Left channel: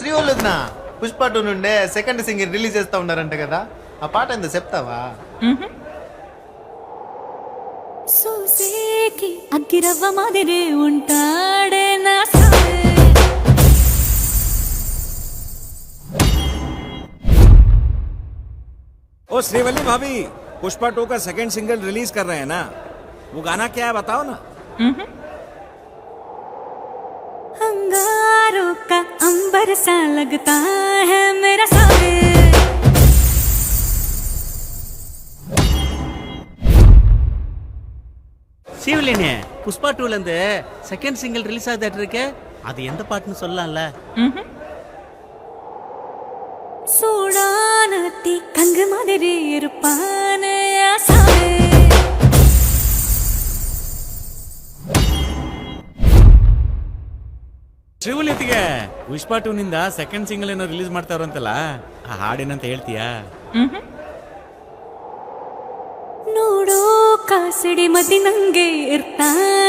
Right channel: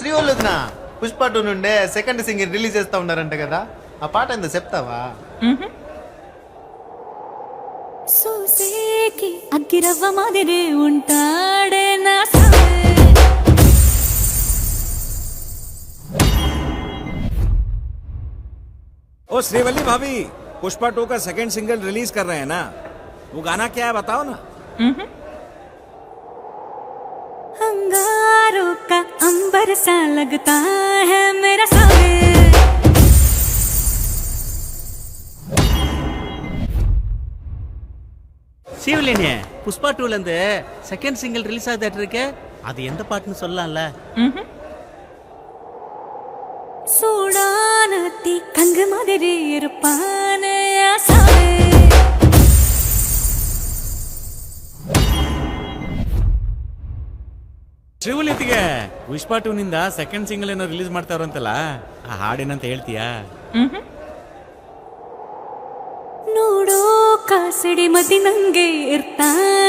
శ్రీవల్లుదినా పుష్ప 2 నుండే second single release చేస్తా ఉన్నారంట కదా, ఆ పాట ఎంత చెప్తావా? సూసేకి అగ్గిరవ్వ మాదిరి ఉంటాడే నా సావే. ओ श्रीवल्ली भाभी, पुष्पा 2 का सेकंड सिंगल रिलीज कर रहे हैं ना, वो गाना क्या है बताओ ना। अंगारों का अंबर सा लगता है मेरा सावे. சீவலினே புஷ்பா 2ல இருந்து செகண்ட் சிங்கிள் ரிலீஸ் ஆகுது இருக்கு, அது எந்த பாட்டுன்னு சொல்லலாம்ல? சூடானத்தி கங்கு மாதிரி இருப்பானே சாவே. ಶ್ರೀವಲ್ಯತಿಗೆ ಪುಷ್ಪಾ 2 ನಿಂದ ಸೆಕೆಂಡ್ ಸಿಂಗಲ್ ಏನೋ ರಿಲೀಸ್ ಮಾಡ್ತಾರಂತಲ್ಲ, ಆ ಹಾಡೇನಂತ ಹೇಳ್ತೀಯಾ? ನೋಡೋ ಕಾಸಡಿ ಮದಿ ನಂಗೆ ಇರ್ತಾನೆ